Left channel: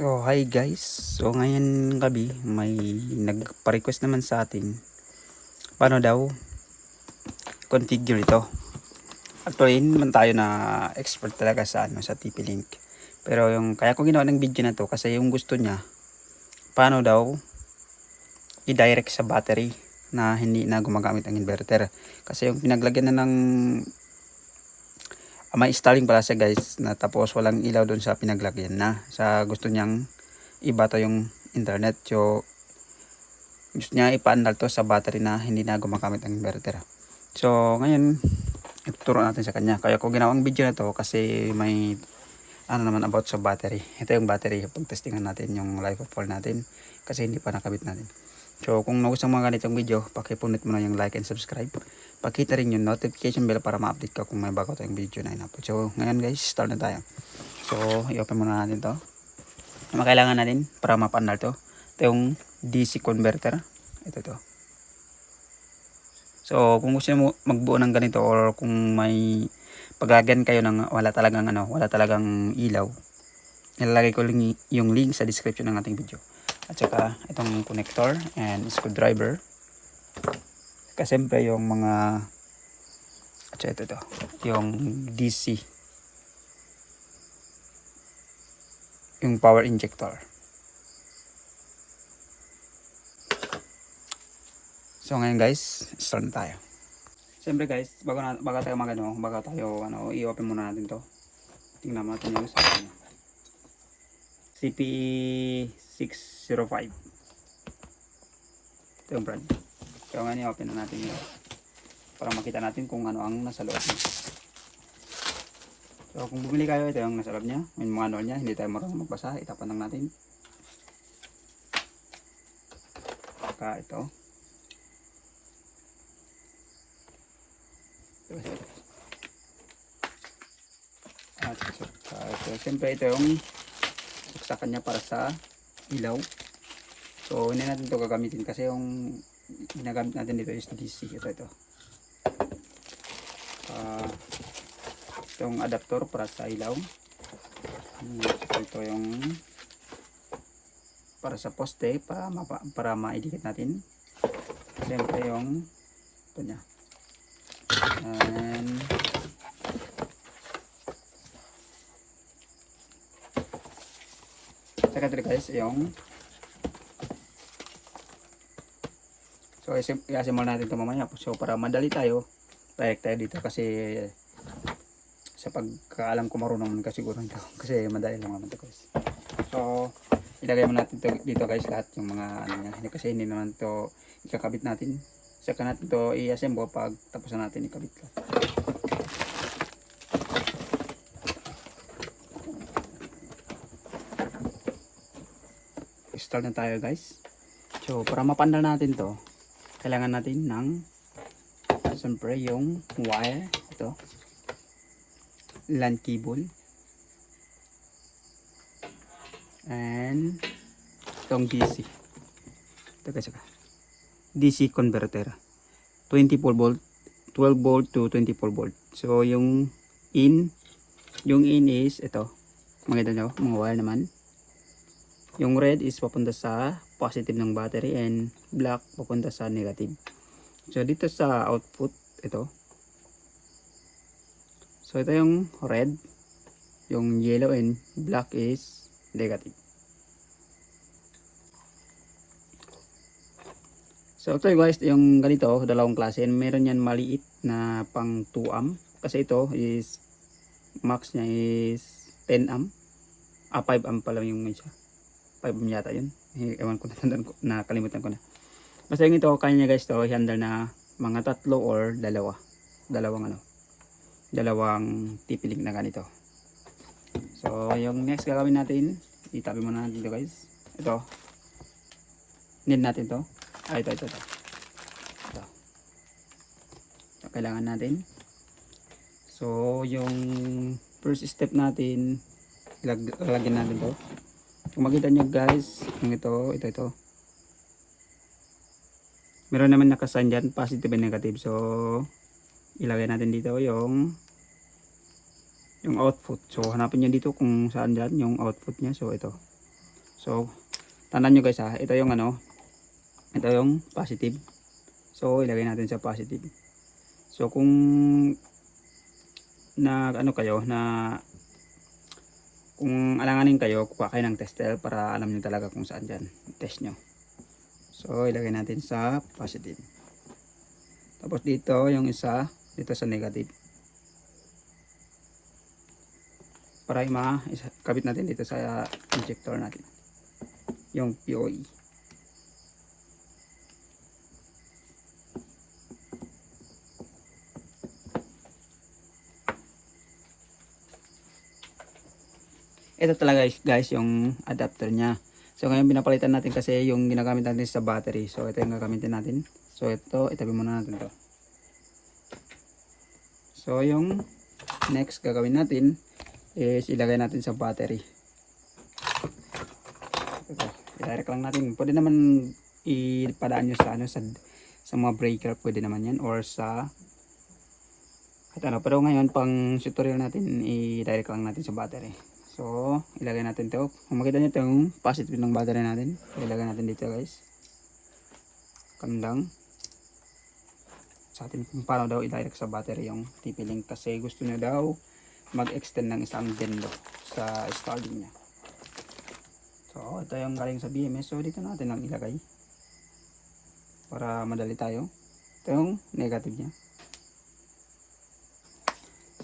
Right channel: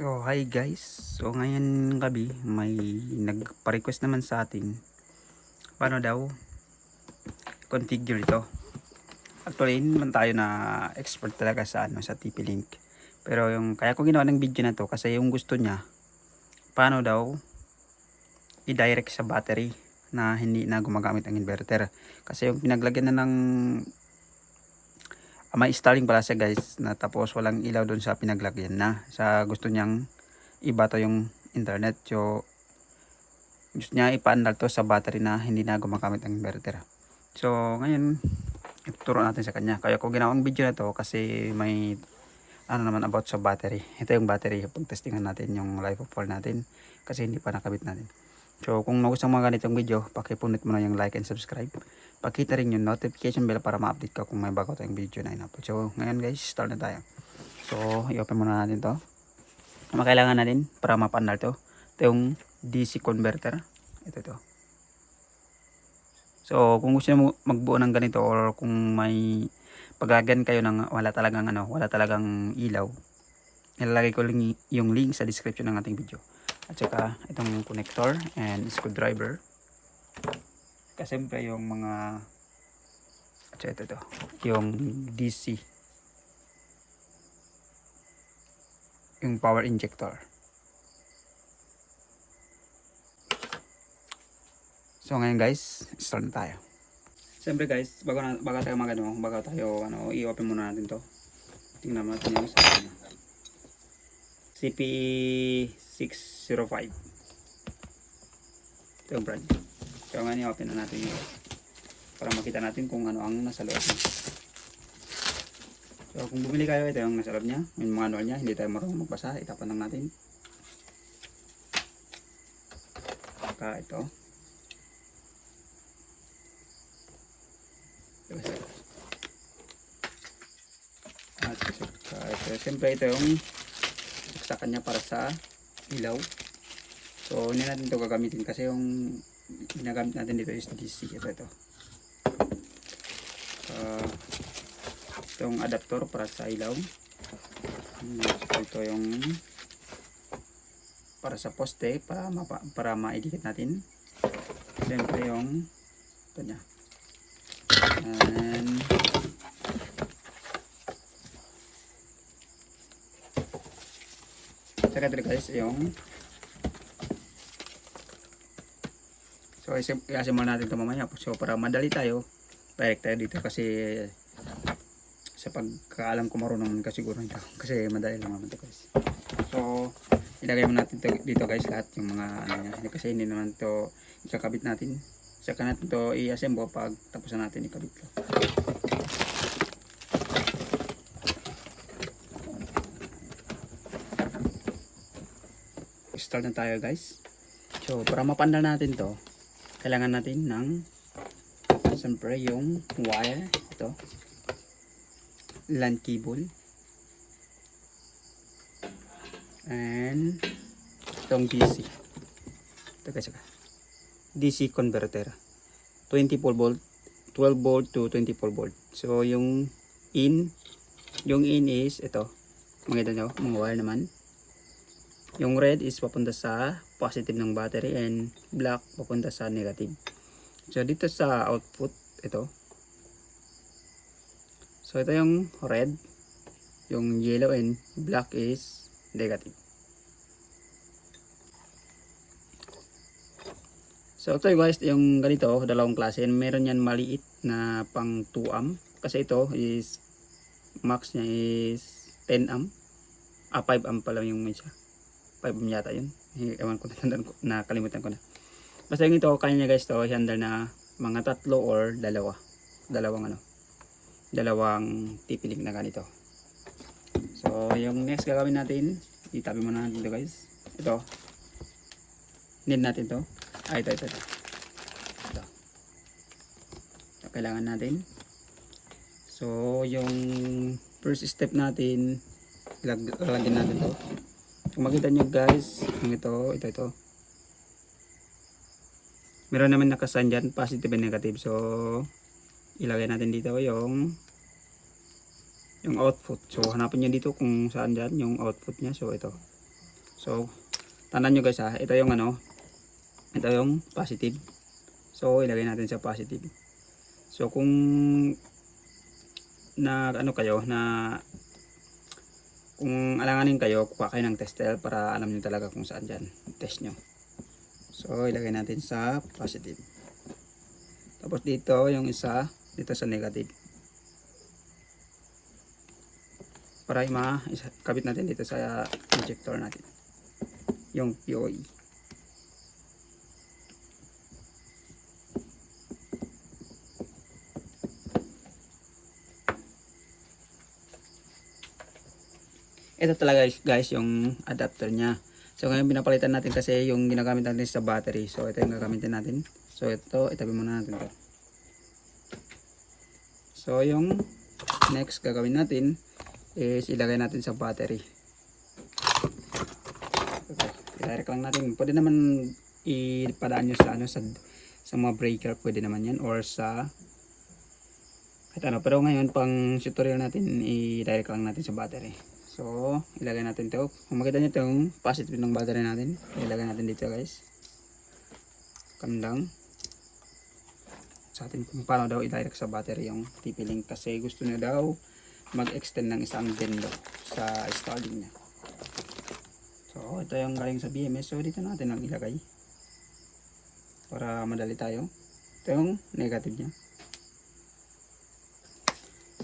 So, hi guys. So, ngayon gabi, may nagpa-request naman sa atin. Paano daw configure ito? Actually, hindi naman tayo na expert talaga sa ano sa TP-Link. Pero yung kaya ko ginawa ng video na to kasi yung gusto niya paano daw i-direct sa battery na hindi na gumagamit ang inverter. Kasi yung pinaglagyan na ng may installing pala siya guys na tapos walang ilaw doon sa pinaglagyan na. Sa gusto niyang ibato yung internet. So gusto niya ipaandal to sa battery na hindi na gumagamit ang inverter. So ngayon ituturo natin sa kanya. Kaya ko ginawang video na to kasi may ano naman about sa battery. Ito yung battery pag testingan natin yung life of fall natin kasi hindi pa nakabit natin. So kung nagustuhan mga ganitong video, pakipunit mo na yung like and subscribe. Pakita rin yung notification bell para ma-update ka kung may bago tayong video na in-upload. So ngayon guys, start na tayo. So i-open muna natin to. Ang kailangan natin para mapandal to. Ito yung DC converter. Ito to. So kung gusto mo magbuo ng ganito or kung may paglagyan kayo ng wala talagang ano, wala talagang ilaw, ilalagay ko lang yung link sa description ng ating video at saka itong connector and screwdriver kasi siyempre yung mga at ito, ito. Yung DC yung power injector. So ngayon guys start na tayo. Siyempre guys bago, na, bago tayo mag ano bago tayo ano i-open muna natin to. Tingnan natin yung sa ano CPE 605 ito yung brand so nga open na natin yun. Para makita natin kung ano ang nasa loob niya. So kung bumili kayo ito yung nasa loob niya. Yung manual niya hindi tayo marunong magbasa. Itapan lang natin. Saka ito. At saka ito. Siyempre ito yung sa kanya para sa ilaw. So, hindi natin ito gagamitin kasi yung ginagamit natin dito is DC. Ito, ito. Uh, itong adapter para sa ilaw. Hmm, ito yung para sa poste para, mapa, para maidikit natin. Siyempre yung ito niya. And Saka guys yung So i-assemble natin ito mamaya. So para madali tayo, direct tayo dito kasi sa pagkaalam ko marunong ka siguro nito kasi madali lang naman ito guys. So ilagay mo natin dito guys lahat yung mga ano niya kasi hindi naman to ikakabit natin. Saka natin to i-assemble pag tapos na natin ikabit ko. start na tayo guys so para mapandal natin to kailangan natin ng siyempre yung wire. Ito. LAN cable. And itong DC ito kasi DC converter. 24 volt 12 volt to 24 volt. So yung in yung in is ito. Makita nyo mga wire naman. Yung red is papunta sa positive ng battery and black papunta sa negative. So dito sa output, ito. So ito yung red, yung yellow and black is negative. So ito guys, yung ganito, dalawang klase. Meron yan maliit na pang 2 amp. Kasi ito is, max niya is 10 amp. Ah, 5 amp pa lang yung isa. 5 yata yun. Ewan ko na, nakalimutan ko na. Basta yung ito, kanya niya guys to, handle na mga tatlo or dalawa. Dalawang ano. Dalawang tipiling na ganito. So, yung next gagawin natin, itabi muna natin to guys. Ito. Need natin to. Ah, ito, ito, ito. ito. So, kailangan natin. So, yung first step natin, lagyan natin to kung makita nyo guys. Yung ito, ito, ito. Meron naman nakasan dyan positive and negative. So ilagay natin dito yung yung output. So hanapin nyo dito kung saan dyan yung output nya so ito. So, tandaan nyo guys ha, ito yung ano, ito yung positive. So, ilagay natin sa positive. So, kung na ano kayo, na kung alanganin kayo, kuha kayo ng tester para alam nyo talaga kung saan dyan. Test nyo. So, ilagay natin sa positive. Tapos dito, yung isa, dito sa negative. Para ma isa- kabit natin dito sa injector natin. Yung. POE. Ito talaga guys, yung adapter niya. So ngayon pinapalitan natin kasi yung ginagamit natin sa battery. So ito yung gagamitin natin. So ito, itabi muna natin to. So yung next gagawin natin is ilagay natin sa battery. I-direct lang natin. Pwede naman ipadaan nyo sa ano sa sa mga breaker pwede naman yan or sa kahit ano pero ngayon pang tutorial natin i-direct lang natin sa battery so ilagay natin to. Kung makita nyo itong positive ng battery natin. Ilagay natin dito guys. Kandang sa atin kung paano daw i-direct sa battery yung TP-Link kasi gusto nyo daw mag-extend ng isang bendo sa starting niya. So ito yung galing sa BMS so dito natin ang ilagay. Para madali tayo. Ito yung negative niya.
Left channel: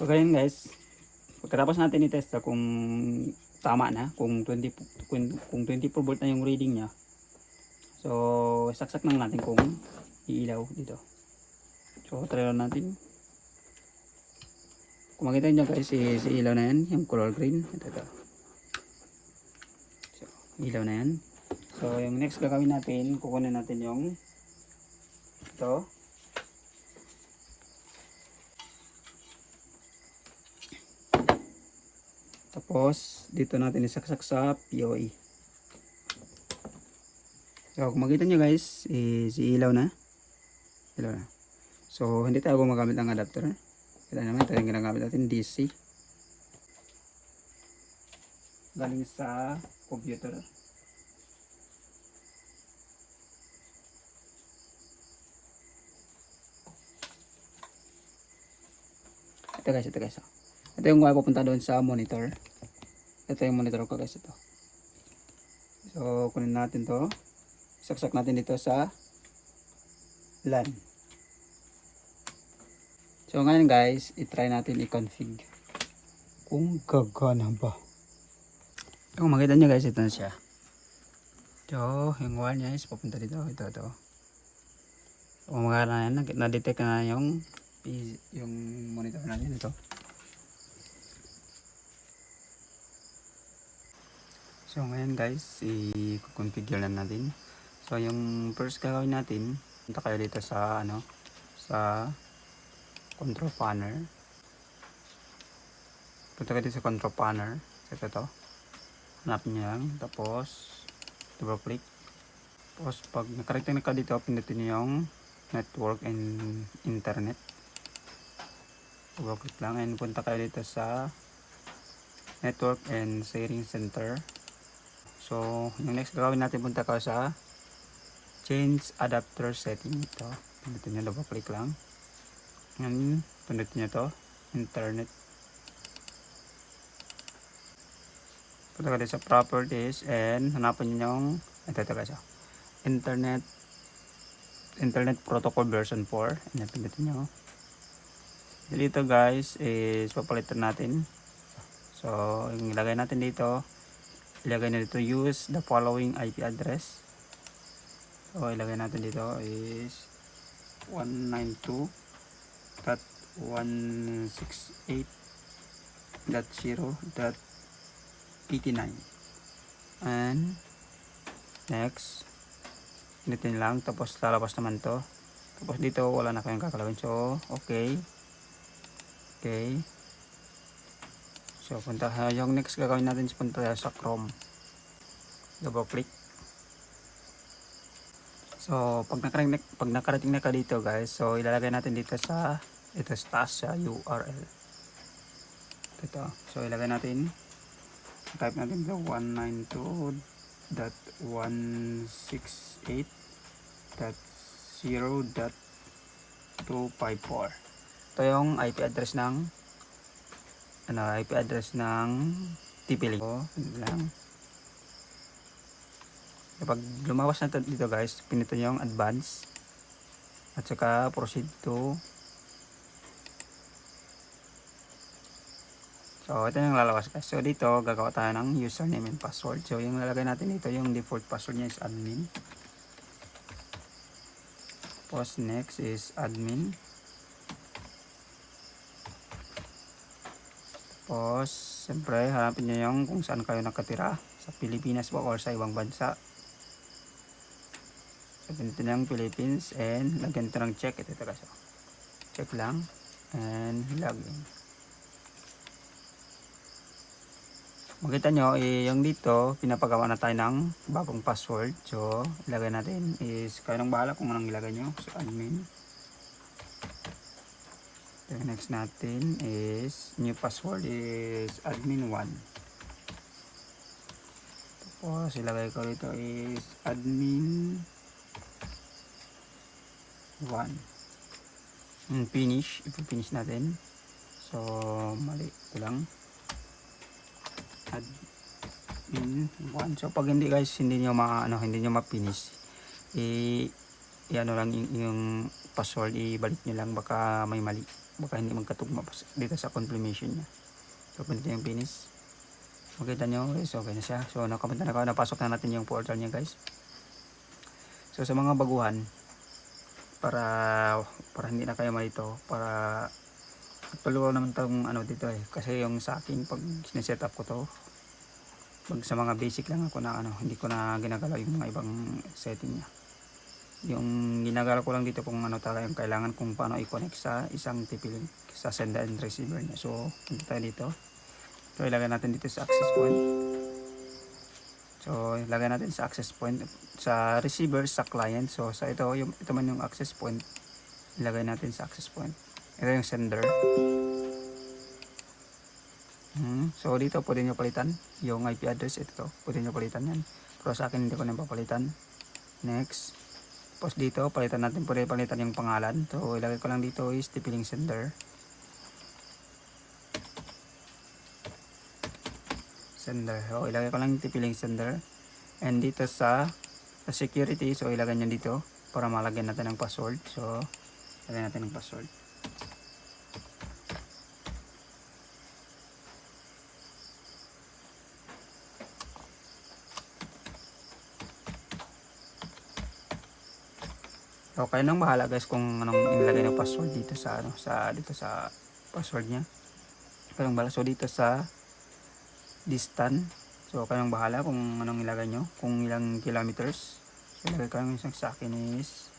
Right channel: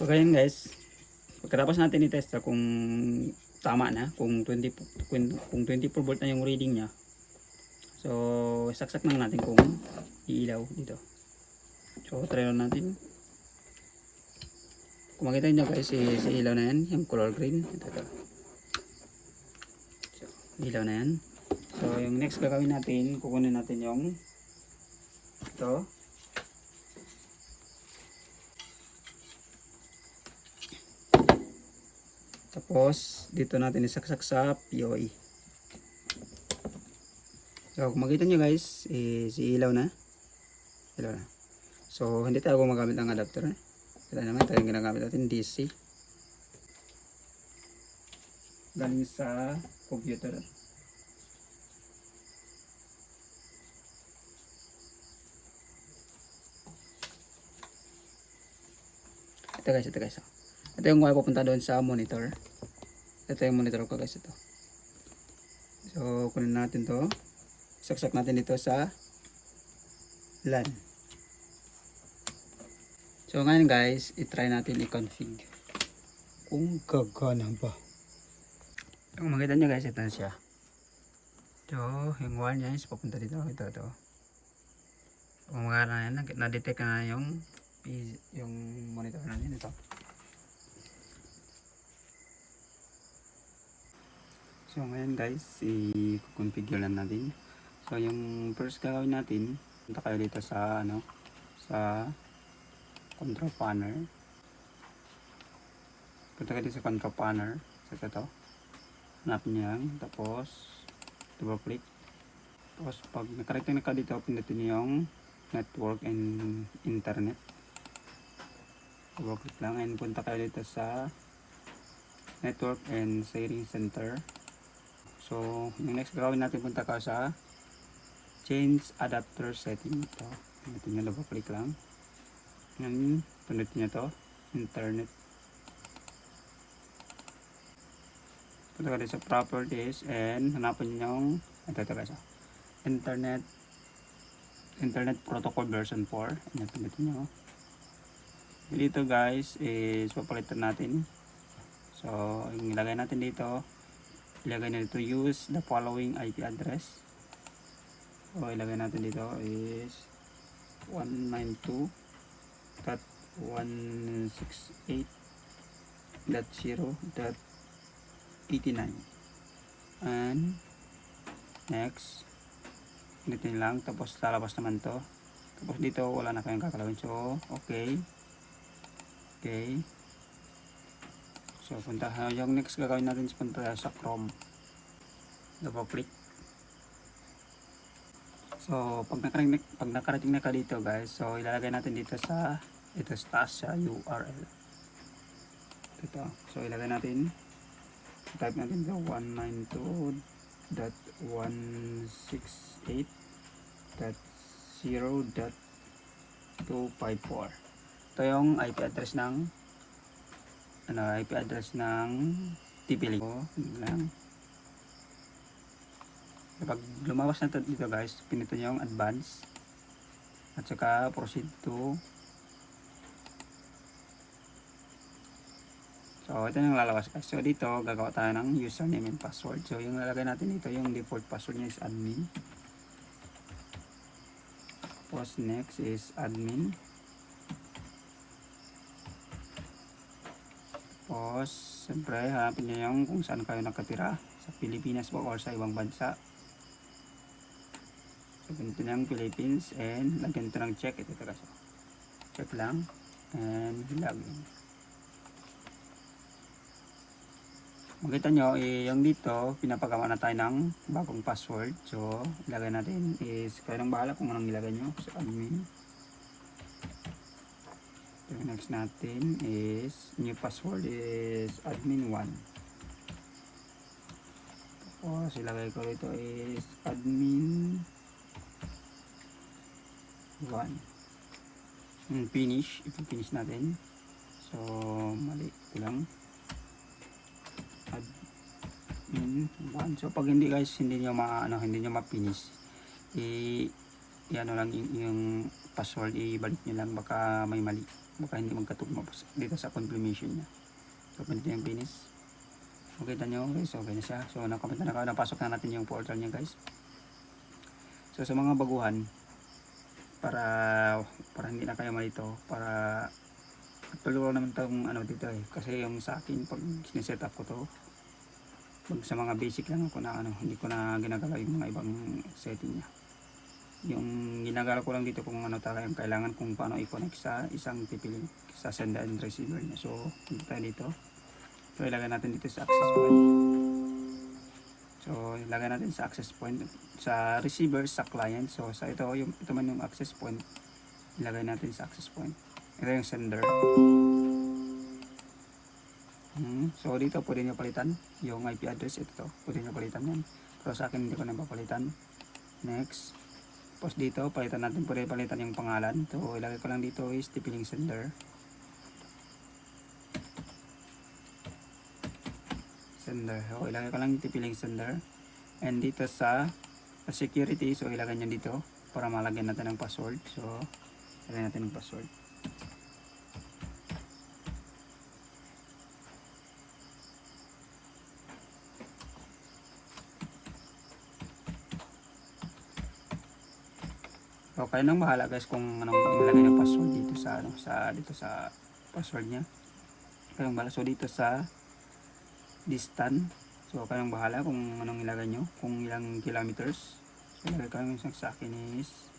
So ganyan guys pagkatapos natin i-test kung tama na kung 20 kung, kung 24 volt na yung reading niya so saksak lang natin kung iilaw dito so try lang natin kung makita nyo guys si, si ilaw na yan yung color green ito, ito. So, ilaw na yan so yung next gagawin natin kukunin natin yung ito. Tapos, dito natin isaksak sa POE. So, kung makita nyo guys, eh, si ilaw na. Ilaw na. So, hindi tayo gumagamit ng adapter. Eh. Kaya naman, yung ginagamit natin, DC. Galing sa computer. Ito guys, ito guys. oh. Ito yung pupunta doon sa monitor. Ito yung monitor ko guys, ito. So, kunin natin to. Saksak natin dito sa LAN. So, ngayon guys, i-try natin i-config. Kung gagana ba. Kung makita nyo guys, ito na siya. Ito, yung wire niya is papunta dito. Ito, ito. Kung mga na yan, na-detect na yung yung monitor natin ito. So ngayon guys, i-configure lang natin. So yung first gagawin natin, punta kayo dito sa ano, sa control panel. Punta kayo dito sa control panel. So ito to. Hanapin nyo lang. Tapos, double click. Tapos pag nakarecting na ka dito, pindutin nyo yung network and internet double click lang and punta kayo dito sa network and sharing center so yung next gawin natin punta ka sa change adapter setting. Ito pindutin nyo double click lang. And pindutin nyo to internet. Punta ka sa properties and hanapin nyo yung ito ito guys oh. internet internet protocol version 4 and pindutin nyo dito guys is papalitan natin. So yung ilagay natin dito ilagay na dito use the following IP address. So ilagay natin dito is 192.168.0.89 and next Ganitin lang tapos lalabas naman to. Tapos dito wala na kayong kakalawin. So okay. Okay. So, punta ha, yung next gagawin natin is punta sa Chrome. Double click. So, pag nakarating, pag nakarating na ka dito guys, so ilalagay natin dito sa ito taas sa URL. Ito. So, ilagay natin type natin dito 168.0.254 ito yung IP address ng ano, IP address ng TP-Link so, yan. kapag lumawas na to dito guys pinito nyo yung advance at saka proceed to So, ito yung lalabas guys. So, dito, gagawa tayo ng username and password. So, yung lalagay natin dito, yung default password niya is admin. Tapos, next is admin. Tapos, siyempre, hanapin niyo yung kung saan kayo nakatira. Sa Pilipinas ba or sa ibang bansa. So, niyo yung Philippines and lagyan ito ng check. Ito guys. oh. Check lang. And login. Makita nyo, eh, yung dito, pinapagawa na tayo ng bagong password. So, ilagay natin is, kayo nang bahala kung anong ilagay nyo. So, admin. Next natin is, new password is admin1. Tapos, ilagay ko dito is admin1. Hmm, finish. Ipa-finish natin. So, mali lang admin 1 so pag hindi guys hindi nyo ma ano hindi nyo ma-finish i, i ano lang yung, yung password ibalik nyo lang baka may mali baka hindi magkatugma sa- dito sa confirmation nya so pwede yung finish makita nyo guys okay na siya so nakapunta na ako napasok na natin yung portal nya guys so sa mga baguhan para para hindi na kayo malito para Actually, naman tong ano dito eh. Kasi yung sa akin, pag sineset up ko to, pag sa mga basic lang ako na ano, hindi ko na ginagalaw yung mga ibang setting niya. Yung ginagalaw ko lang dito kung ano talaga yung kailangan kung paano i-connect sa isang TP link sa sender and receiver niya. So, punta tayo dito. So, ilagay natin dito sa access point. So, ilagay natin sa access point sa receiver sa client. So, sa ito, yung, ito man yung access point. Ilagay natin sa access point. Ito yung sender. Hmm. So dito pwede nyo palitan yung IP address ito. Pwede nyo palitan yan. Pero sa akin hindi ko na papalitan. Next. Tapos dito palitan natin pwede palitan yung pangalan. So ilagay ko lang dito is tipiling sender. Sender. So ilagay ko lang yung tipiling sender. And dito sa, sa security so ilagay nyo dito para malagyan natin ng password. So ilagay natin ng password. Okay nang bahala guys kung anong ilagay ng password dito sa ano sa dito sa password niya. Kayong bahala so dito sa distance. So kayong bahala kung anong ilagay nyo, kung ilang kilometers. So ilagay ko yung sa akin is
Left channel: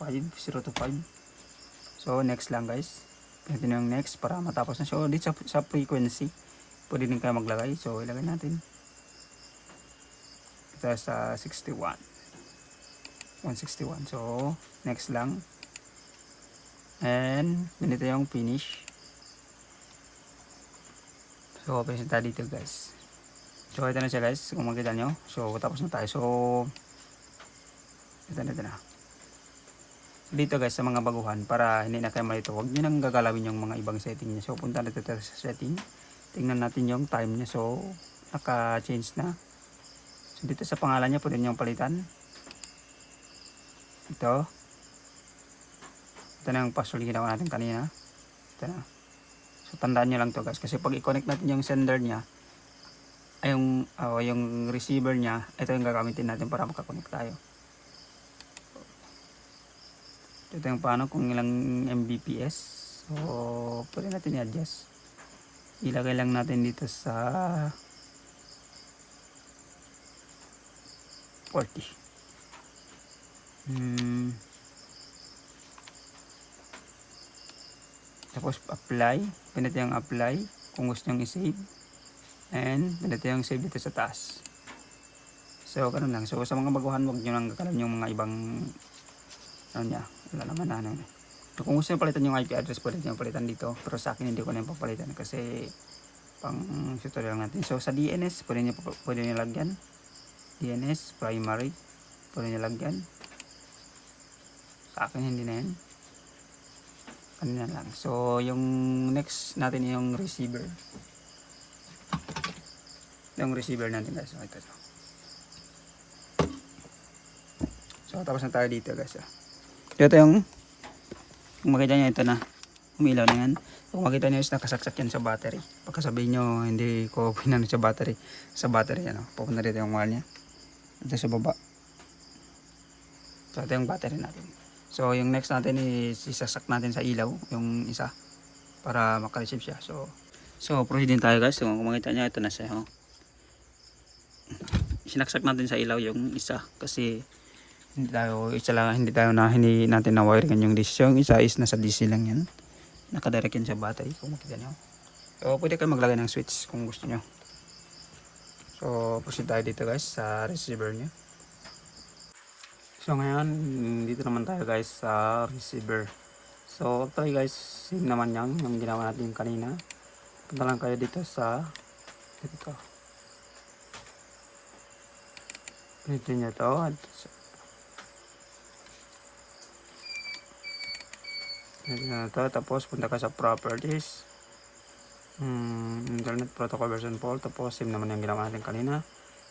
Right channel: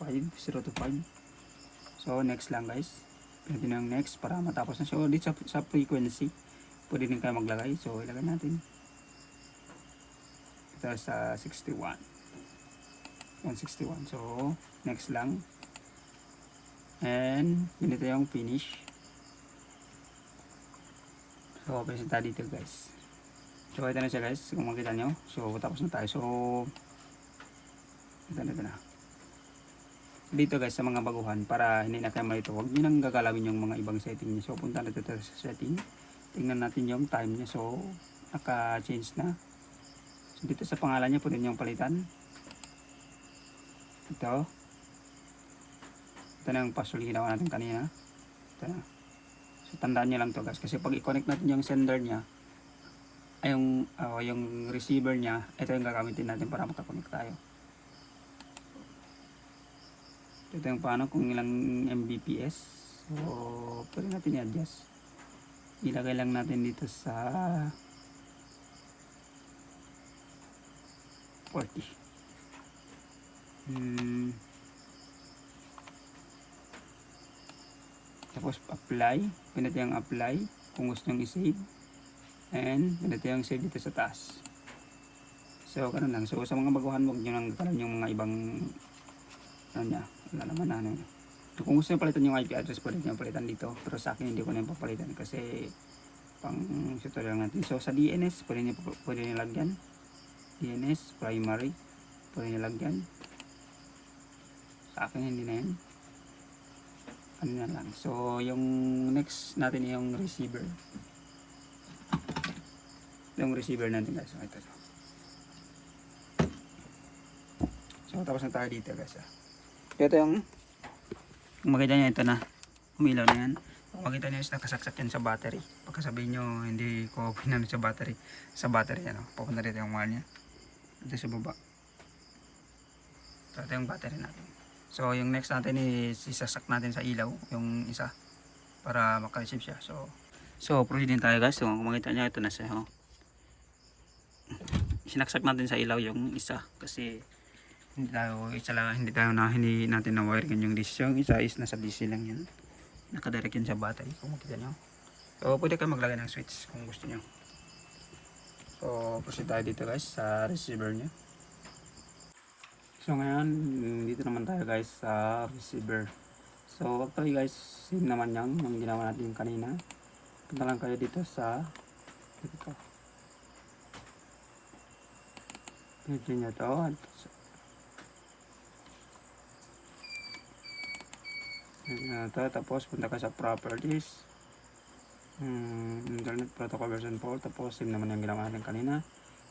5, 0 to 5. So next lang guys. Pwede na yung next para matapos na. So dito sa, sa frequency, pwede din kayo maglagay. So ilagay natin. Ito sa 61. 161 so next lang. And ganito yung finish. So open siya dito guys. So ito na siya guys. Kung makita nyo. So tapos na tayo. So ito na ito na. Dito guys sa mga baguhan para hindi na kayo malito huwag nyo nang gagalawin yung mga ibang setting niya. So punta dito sa setting. Tingnan natin yung time niya. So naka change na. So dito sa pangalan niya pwede nyo palitan ito. Ito na yung ginawa natin kanina. Ito. Na so tandaan nyo lang to guys. Kasi pag i-connect natin yung sender nya ay yung, oh, yung receiver nya ito yung gagamitin natin para makakonect tayo. Ito yung paano kung ilang Mbps. So pwede natin i-adjust. Ilagay lang natin dito sa 40 Hmm. Tapos apply. Ganito yung apply. Kung gusto nyo i-save. And ganito yung save dito sa taas. So, ganun lang. So, sa mga baguhan, huwag nyo lang kakalun yung mga ibang ano niya. Wala na ano. So, kung gusto nyo palitan yung IP address, pwede nyo palitan dito. Pero sa akin, hindi ko na yung papalitan kasi pang tutorial natin. So sa DNS, pwede nyo, pwede nyo lagyan. DNS, primary, pwede nyo lagyan. Sa akin hindi na yan. Ano na lang. So yung next natin yung receiver. Yung receiver natin guys. Ito. So tapos na tayo dito guys. ah. Ito yung kung makita nyo ito na umilaw na yan. Kung makita nyo nakasaksak yan sa battery. Pagka sabihin nyo hindi ko pinano sa battery. Sa battery ano. Pupunta dito yung wire nya. Ito sa baba. So ito yung battery natin. So yung next natin is isasak natin sa ilaw yung isa para makareceive siya. So so proceed tayo guys. So kung makita nyo ito na siya. Oh. Sinaksak natin sa ilaw yung isa kasi hindi tayo isa lang hindi tayo na hindi natin na wiring yung DC yung isa is nasa DC lang yan nakadirect yan sa battery kung makita nyo so pwede kayo maglagay ng switch kung gusto nyo so proceed tayo dito guys sa receiver nyo so ngayon dito naman tayo guys sa receiver so tayo guys yun naman yan yung ginawa natin kanina punta lang kayo dito sa dito dito nyo to Yan na to. Tapos punta ka sa properties. Hmm, internet protocol version 4. Tapos same naman yung ginawa natin kanina.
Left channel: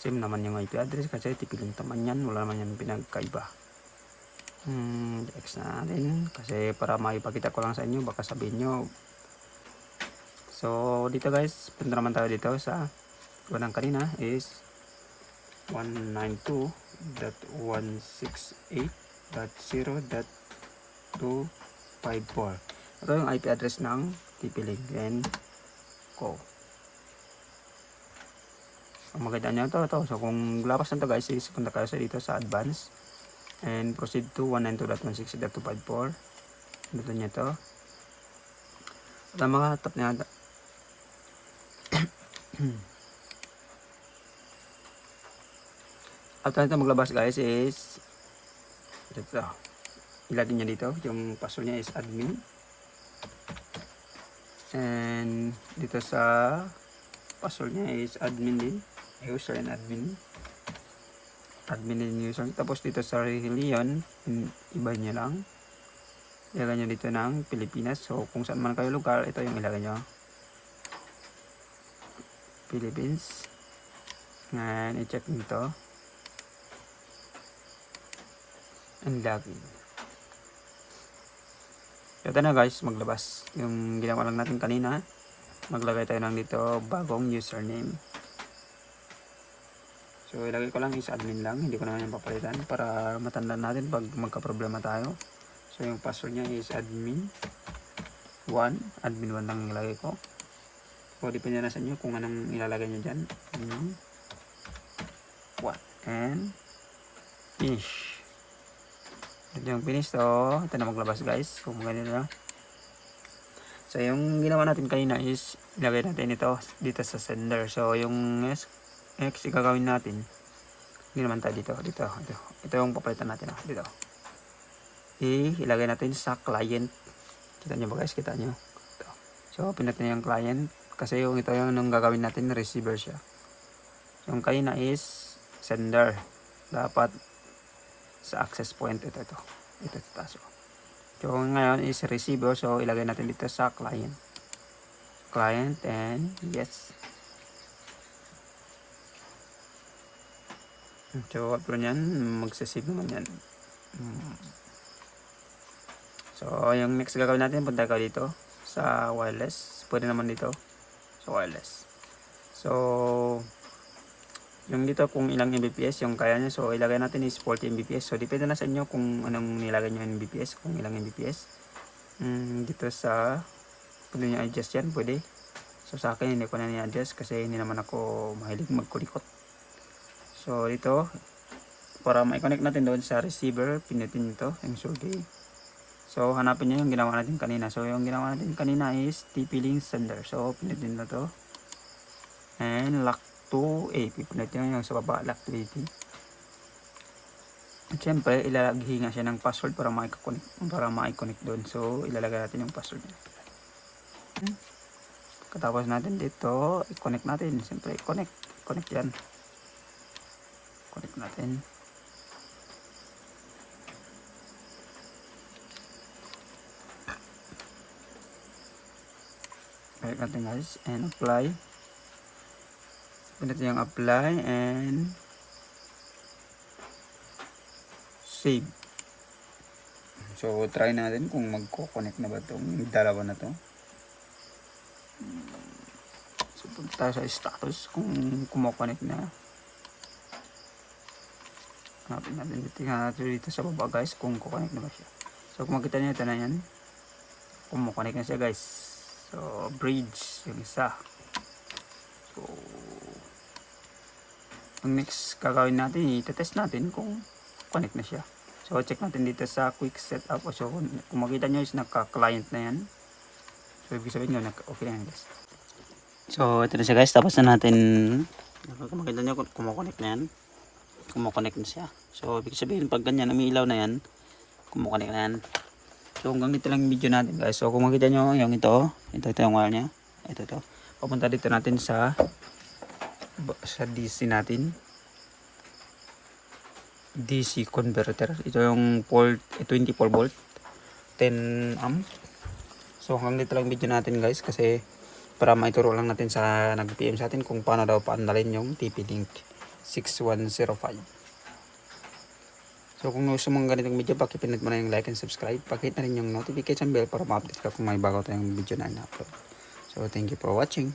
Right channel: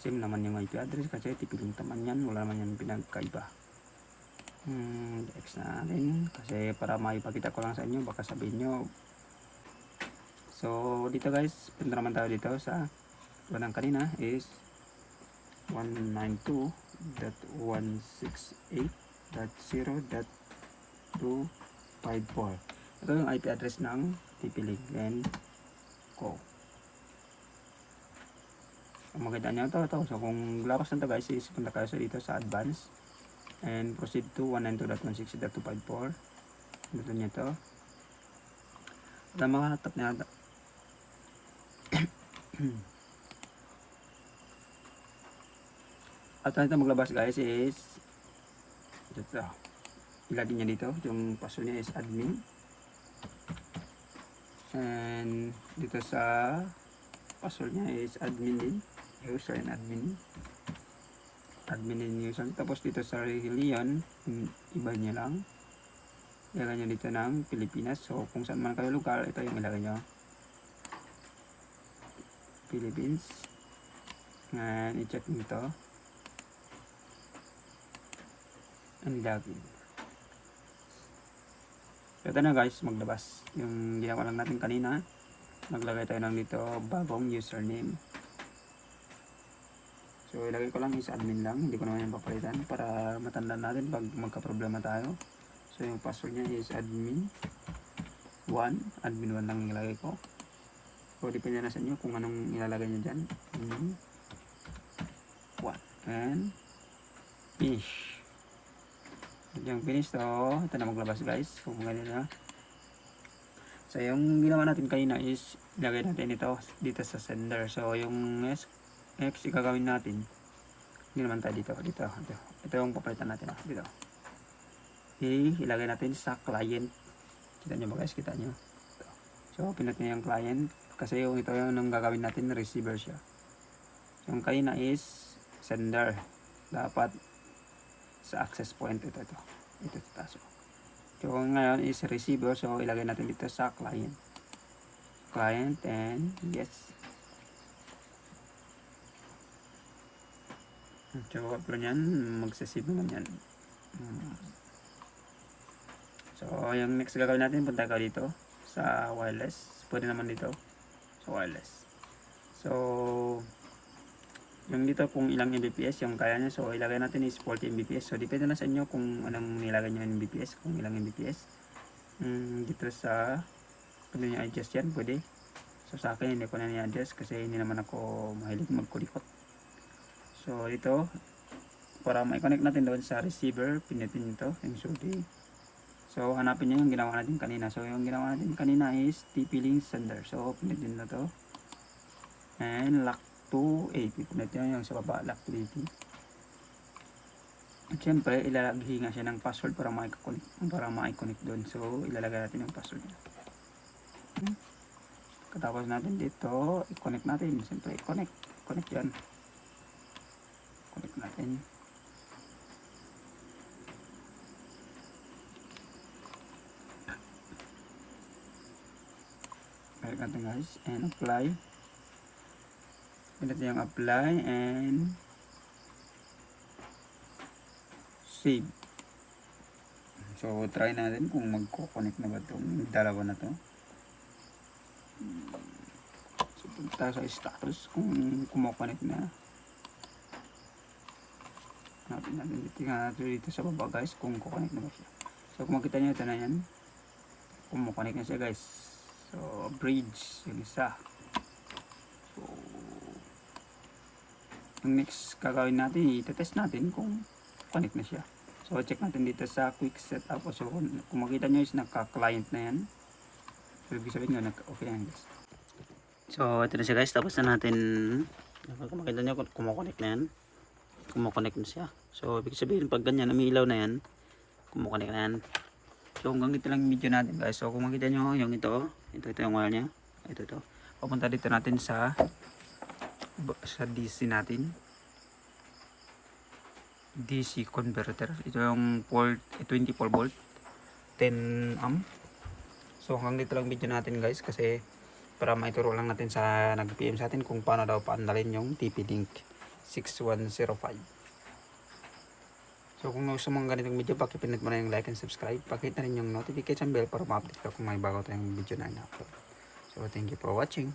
Same naman yung IP address kasi tipilin naman yan. Wala naman yung pinagkaiba. Hmm, X na natin. Kasi para maipakita ko lang sa inyo. Baka sabihin nyo. So dito guys. Punta naman tayo dito sa unang kanina is 192.168.0.2 54 ito yung IP address ng pipiligin ko kung makita nyo ito, ito. So kung lapas na ito guys is punta kayo sa dito sa advance. And proceed to 192.168.254 dito nyo ito. Ang mga tap na at ito maglabas guys is ito. Ilagay niya dito. Yung password niya is admin. And dito sa password niya is admin din user and admin. Admin din user. Tapos dito sa religion iba niya lang. Ilagay niya dito ng Pilipinas. So kung saan man kayo lugar ito yung ilagay niyo. Philippines. And i-check nito and login ito na guys, maglabas. Yung ginawa lang natin kanina, maglagay tayo ng dito bagong username. So ilagay ko lang is admin lang, hindi ko naman yung papalitan para matandaan natin pag magka-problema tayo. So yung password niya is admin 1, admin 1 lang ilagay ko. O depende na sa inyo kung anong ilalagay niyo dyan. Admin 1 and finish. Ito yung finish to. Ito na maglabas guys. Kung ganito na. So yung ginawa natin kanina is ilagay natin ito dito sa sender. So yung next, gagawin natin. Hindi naman tayo dito. Dito. Ito, ito yung papalitan natin. ah, Dito. Ilagay natin sa client. Kita nyo ba guys? Kita nyo. Ito. So open natin yung client. Kasi yung ito yung nung gagawin natin receiver siya. Yung kanina is sender. Dapat sa access point ito ito ito sa taas oh. so ngayon is receiver so ilagay natin dito sa client client and yes so after nyan magsasave naman yan. Hmm. so yung next gagawin natin punta ka dito sa wireless. Pwede naman dito sa wireless. So yung dito kung ilang Mbps yung kaya nyo so ilagay natin is 40 Mbps. So depende na sa inyo kung anong nilagay nyo Mbps kung ilang Mbps. Mm, dito sa pwede nyo adjust yan pwede. So sa akin hindi ko na ni-adjust kasi hindi naman ako mahilig magkulikot so dito para ma-connect natin doon sa receiver pinutin nyo to yung survey so hanapin nyo yung ginawa natin kanina. So yung ginawa natin kanina is TP-Link sender. So pinutin na to. And lock to 80 punit yun yung sa baba lock to 80 at syempre ilalagay nga siya ng password para ma-connect para ma-connect doon. So ilalagay natin yung password. Niya Katapos natin dito, i-connect natin. Siyempre, i-connect. Connect yan. Connect natin. Connect natin guys. And apply. Pinat yung apply and save. So, try natin kung magko-connect na ba itong dalawa na to. So, punta sa status kung kumokonek na. Natin. Tingnan natin dito sa baba guys kung kukonek na ba siya. So, kung makita nyo ito na yan. Kumukonek na siya guys. So, bridge yung isa. So, ang next gagawin natin, itetest natin kung connect na siya. So, check natin dito sa quick setup. So, kung, makita nyo is naka-client na yan. So, ibig sabihin naka- okay na yan guys. So, ito na siya guys. Tapos na natin, kung makita nyo, kumukonek na yan. Kumukonek na siya. So, ibig sabihin, pag ganyan, umiilaw na yan, kumukonek na yan. So, hanggang dito lang video natin guys. So, kung makita nyo, yung ito, ito, ito yung wire niya. Ito, ito. Papunta dito natin sa sa DC natin. DC converter. Ito yung eh, 24 volt, 10 amp. So hanggang dito lang video natin guys kasi para maituro lang natin sa nag-PM sa atin kung paano daw paandalin yung TP-Link 6105. So kung gusto mong ganitong video, pakipindot mo na yung like and subscribe. Pakita na rin yung notification bell para ma-update ka kung may bago tayong video na ina-upload. So thank you for watching.